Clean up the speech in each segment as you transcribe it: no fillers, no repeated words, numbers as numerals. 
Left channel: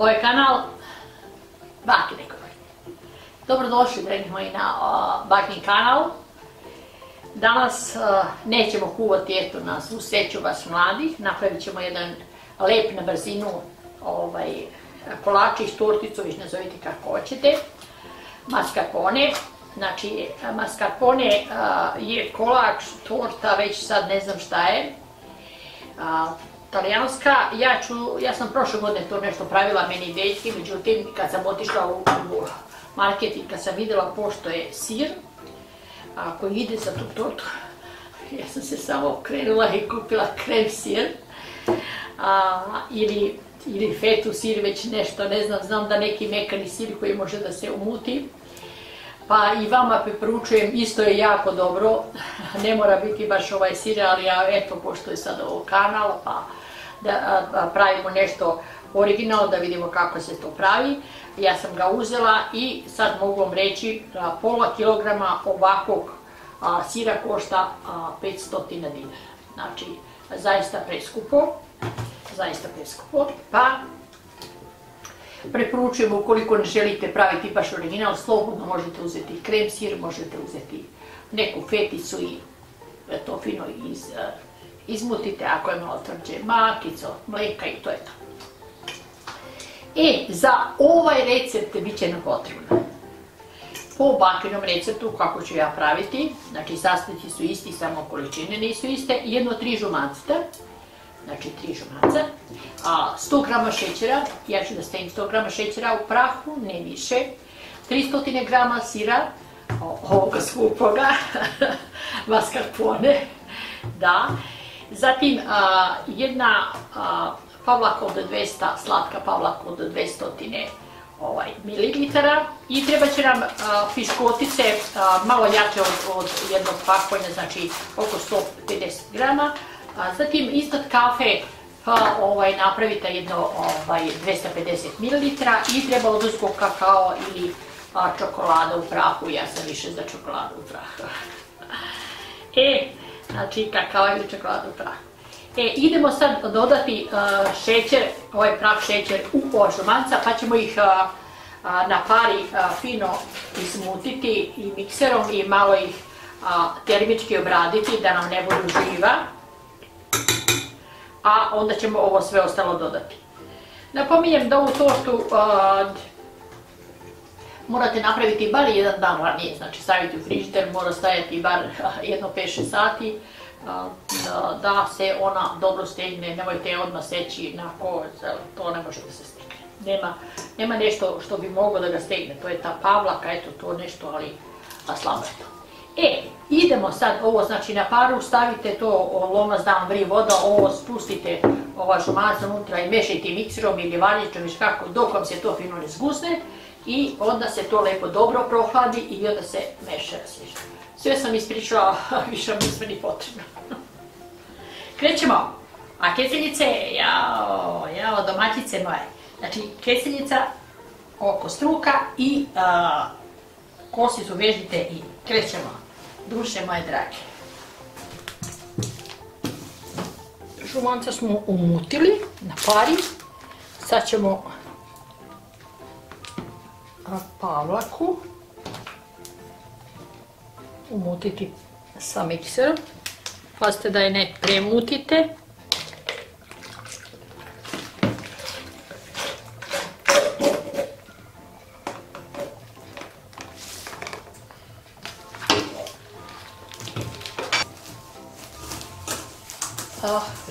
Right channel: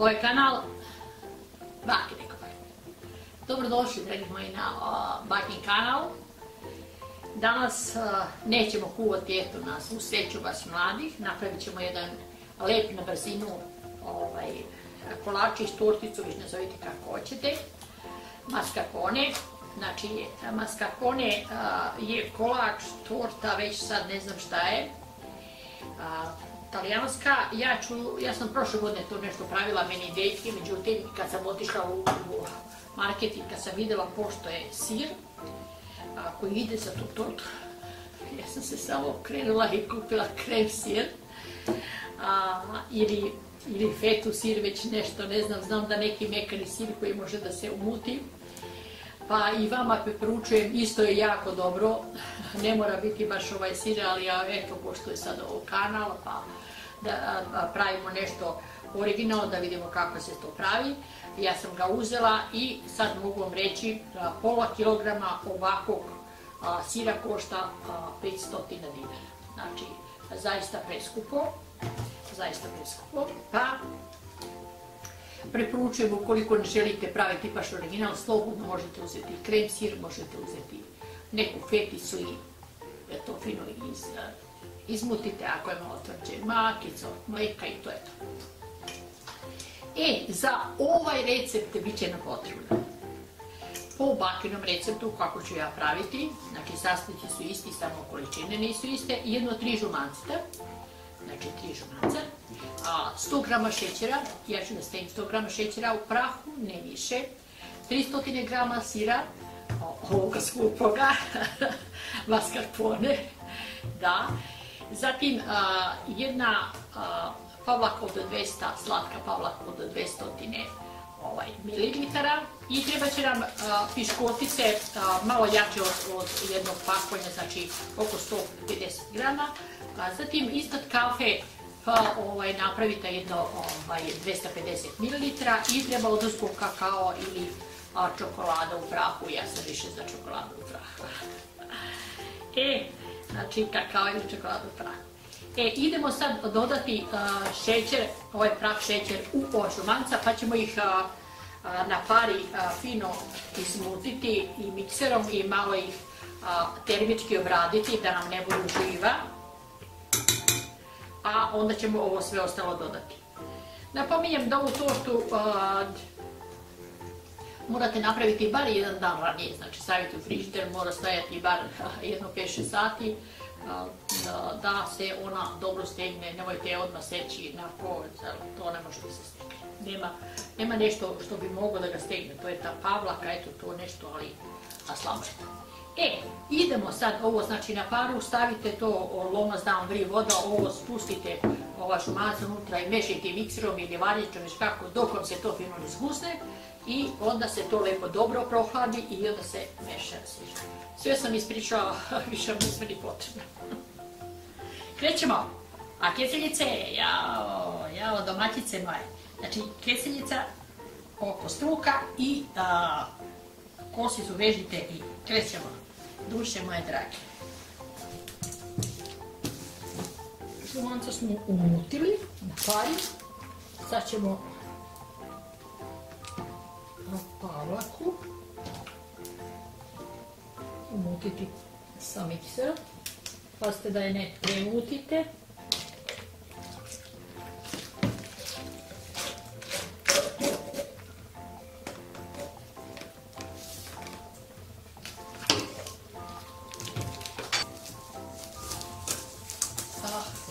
ovaj kanal Bakine kuhinje. Dobrodošli, dragi moji, na Bakin kanal. Danas nećemo kuvati, eto, na svu sreću vas mladih. Napravit ćemo jedan lep na brzinu kolačić, torticu, viš nazovite kako hoćete. Mascarpone. Znači, mascarpone je kolač, torta, već sad ne znam šta je. Talijanska, ja sam prošle godine to nešto pravila meni dečki, međutim kad sam otišla u market i kad sam vidjela pošto je sir koji ide za tu tortu, ja sam se samo okrenula i kupila krem sir ili fetu sir, već nešto, ne znam, znam da neki mekani sir koji može da se umuti. Pa i vama preporučujem, isto je jako dobro, ne mora biti baš ovaj sir, ali ja eto, pošto je sad ovo kanal, pa da pravimo nešto originalno, da vidimo kako se to pravi. Ja sam ga uzela i sad mogu vam reći da pola kilograma ovakvog sira košta 500 dinara. Znači, zaista preskupo, pa preporučujem, ukoliko ne želite praviti baš original, slobodno možete uzeti krem sir, možete uzeti neku feticu i to fino izmutite, ako je malo tvrđe, makicu, mleka i to je to. Za ovaj recept bit će nam potrebno po Bakinom receptu kako ću ja praviti, znači sastojci su isti, samo količine nisu iste, jedno 3 žumanceta, znači 3 žumanca, 100 grama šećera, ja ću da stavim 100 grama šećera u prahu, ne više, 300 grama sira, ovoga skupoga, mascarpone, da, zatim jedna pavlaka od 200, slatka pavlaka od 200 mililitara i treba će nam piškotice malo jače od jednog pakovanja, znači oko 150 grama. Zatim iznad kafe napravite jedno 250 ml i treba oduzgo kakao ili čokolada u prahu, ja sam više za čokoladu u prahu. Znači kakao ili čokolada u prahu. Idemo sad dodati šećer, ovaj prah šećer u ova žumanca, pa ćemo ih na pari fino izmutiti i mikserom i malo ih termički obraditi da nam ne budu živa. A onda ćemo ovo sve ostalo dodati. Napominjem da ovu tortu morate napraviti bar jedan dan ranije, znači staviti u frižider, mora stajati bar jedno 5-6 sati da se ona dobro stegne, nemojte je odmah seći na kož, to ne može da se stegne. Nema nešto što bi moglo da ga stegne, to je ta pavlaka, eto to nešto, ali slabo je to. Idemo sad ovo, znači na paru stavite to, lomac dam vri voda, ovo spustite ova žumanca unutra i mešajte mikserom ili varničom, kako, dok vam se to fino ne zgusne i onda se to lepo dobro prohladi i onda se meša. Sve sam ispričala, više mi sve ni potrebno. Krećemo. A keseljice, jao, domaćice moje. Znači, keseljica oko struka i kosicu vežite i krećemo. Duše moje drage. Žumanca smo umutili na pari. Sad ćemo pavlaku umutiti sa mikserom. Pazite da je ne premutite.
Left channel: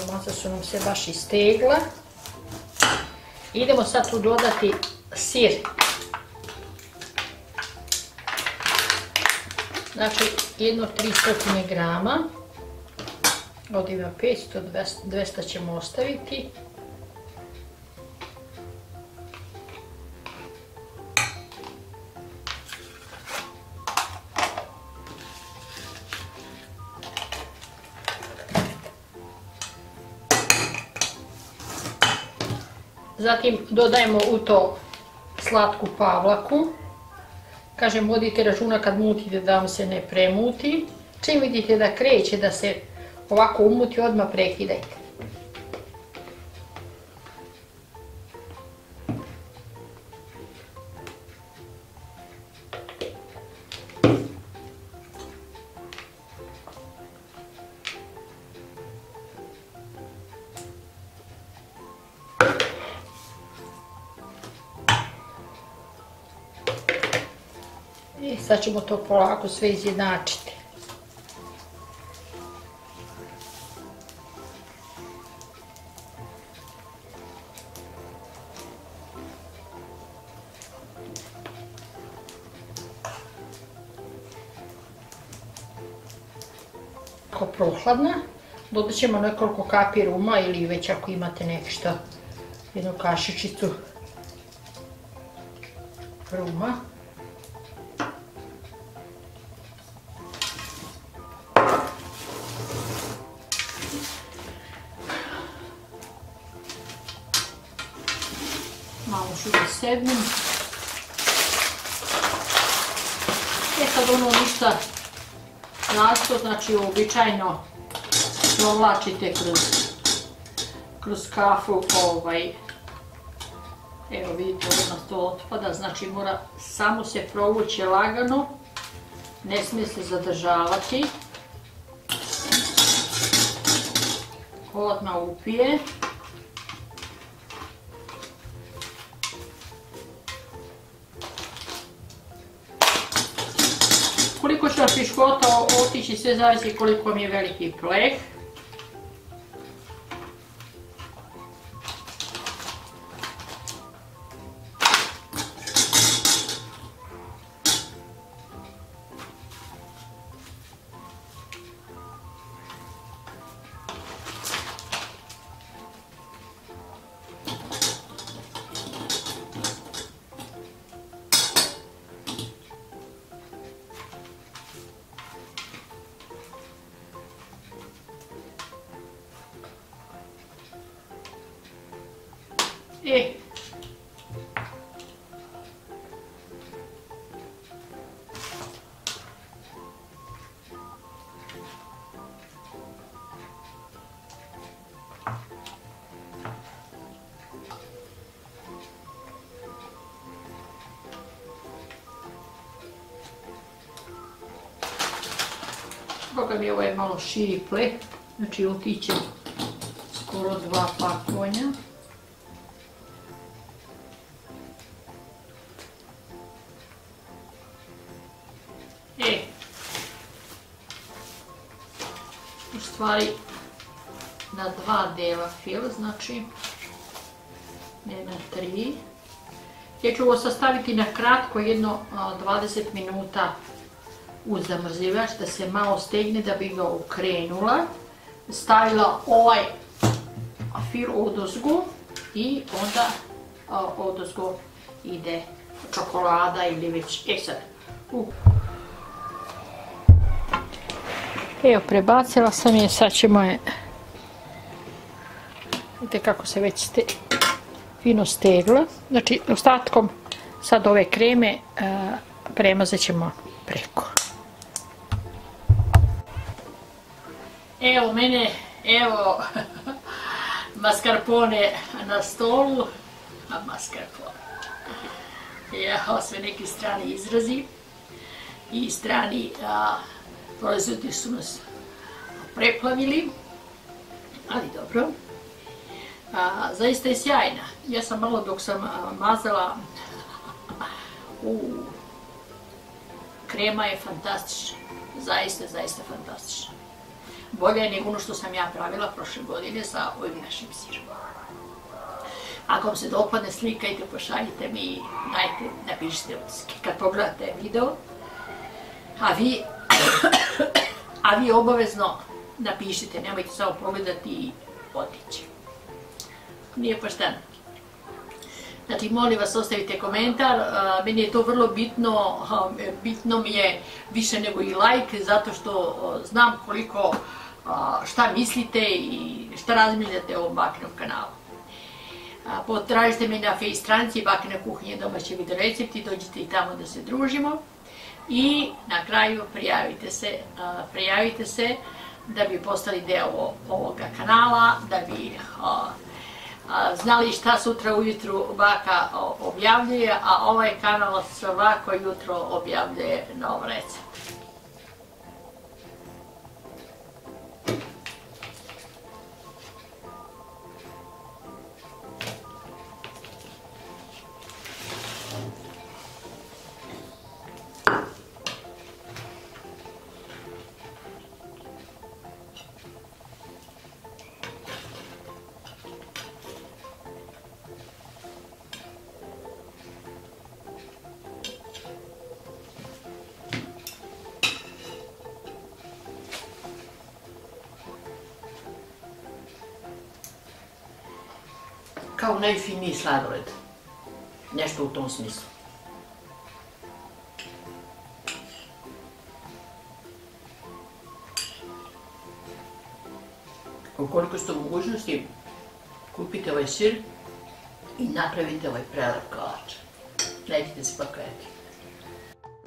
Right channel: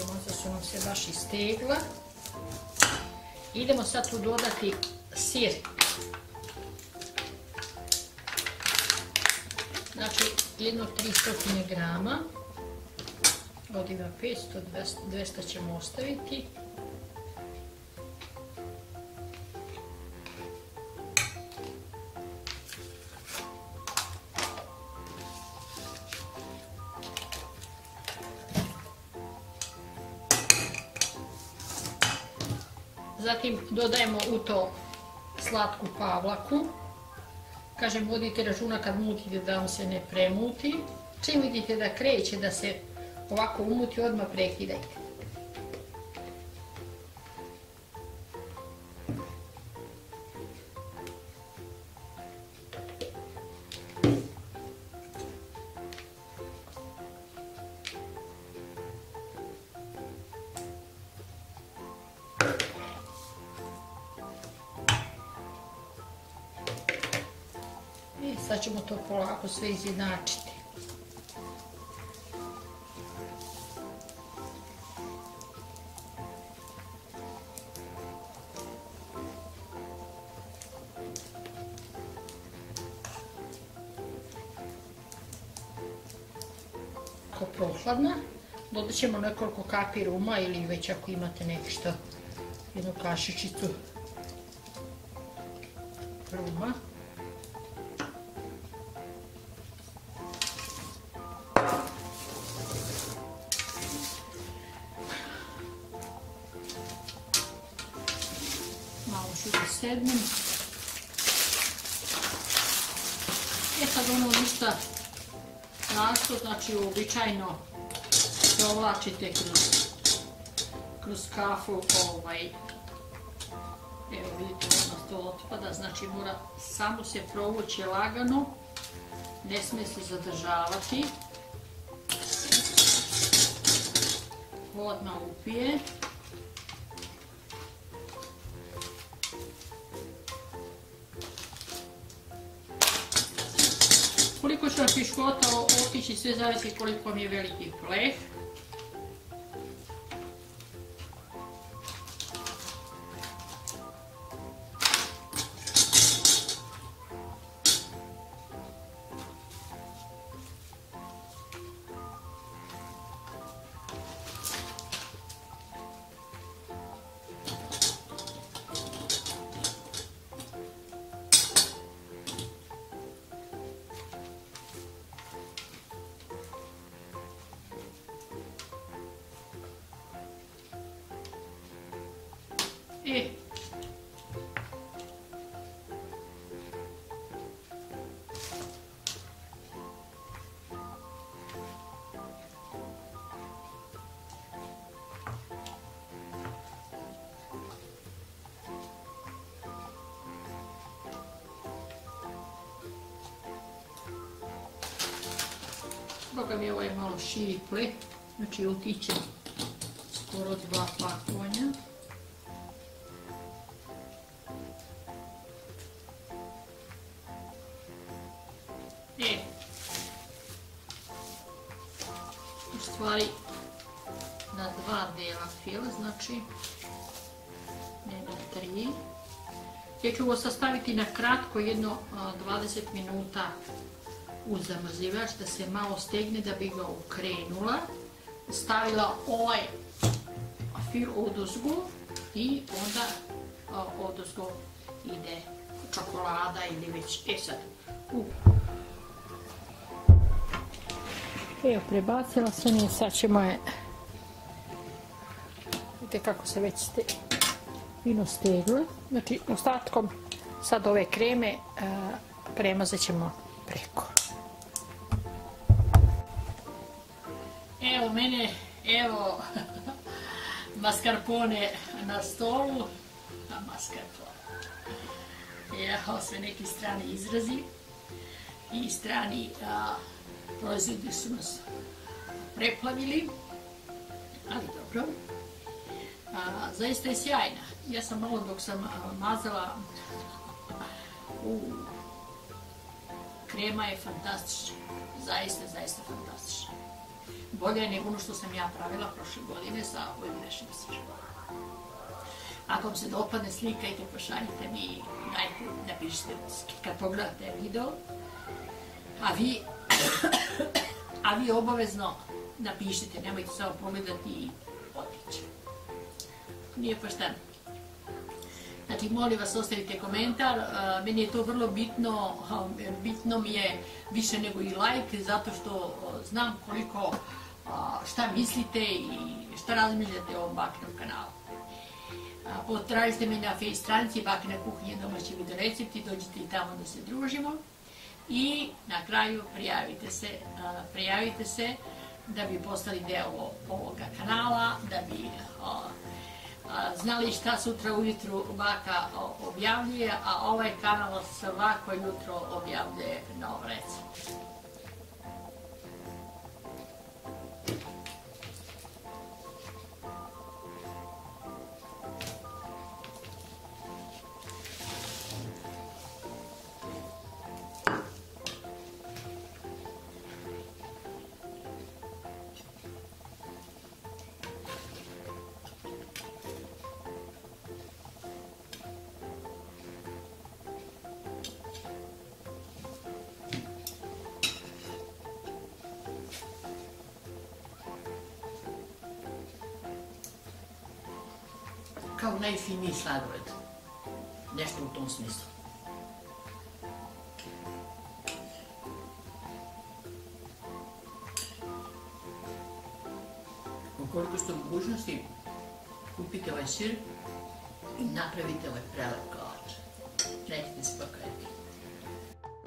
Žumanca su nam se baš istegla. Idemo sad tu dodati sir. Znači, jedno 300 grama, ovdje ima 500, 200 ćemo ostaviti. Zatim dodajemo u to slatku pavlaku. Kažem, vodite računa kad mutite da vam se ne premuti. Čim vidite da kreće da se ovako umuti, odmah prekidajte. I sad ćemo to polako sve izjednačiti. Ako prohladna, dodat ćemo nekoliko kapi ruma ili već ako imate nešto, jednu kašičicu ruma. Malo ću da sednem. Sad ono ništa nasto, znači uobičajno provlačite kroz kafu, evo vidite odmah to otpada, znači mora samo se provući lagano, ne smije se zadržavati, odmah upije. Koliko će od piškota otići, sve zavisi koliko mi je veliki pleh. Boga mi ovo je malo širi pleh, znači otiće skoro 2 pakovanja. U stvari na 2 dela fil, znači ne na 3. Ja ću ovo sastaviti na kratko, jedno 20 minuta u zamrzivač da se malo stegne da bi ga okrenula. Stavila ovaj fil odozgo i onda odozgo ide čokolada ili već, sad. Evo, prebacila sam je, sad ćemo je, vidite kako se već fino stegla. Znači, ostatkom sad ove kreme premazat ćemo preko. Evo mene, evo mascarpone na stolu, mascarpone. Evo sve neki strani izrazi i strani proizvodi su nas preplavili, ali dobro. Zaista je sjajna. Ja sam malo dok sam mazala, krema je fantastična, zaista fantastična. Bolje je nego ono što sam ja pravila prošle godine sa ovim našim sirom. Ako vam se dopadne, slikajte, pošaljite mi, dajte, napišite utiske kad pogledate video. A vi obavezno napišite, nemojte samo pogledati i otići. Nije pošteno. Znači, molim vas, ostavite komentar, meni je to vrlo bitno, bitno mi je više nego i like, zato što znam koliko, šta mislite i šta razmišljate o ovom Bakinom kanalu. Potražite me na Face stranici Bakina kuhinja domaći video recepti, dođite i tamo da se družimo. I na kraju prijavite se da bi postali deo ovoga kanala, da bi znali šta sutra ujutru baka objavljuje, a ovaj kanal svako jutro objavljuje nov recept. kao najfiniji sladoled. Nešto u tom smislu. Ukoliko ste u mogućnosti, kupite ovaj sir i napravite ovaj prelep kolač. Nećete se pokajati.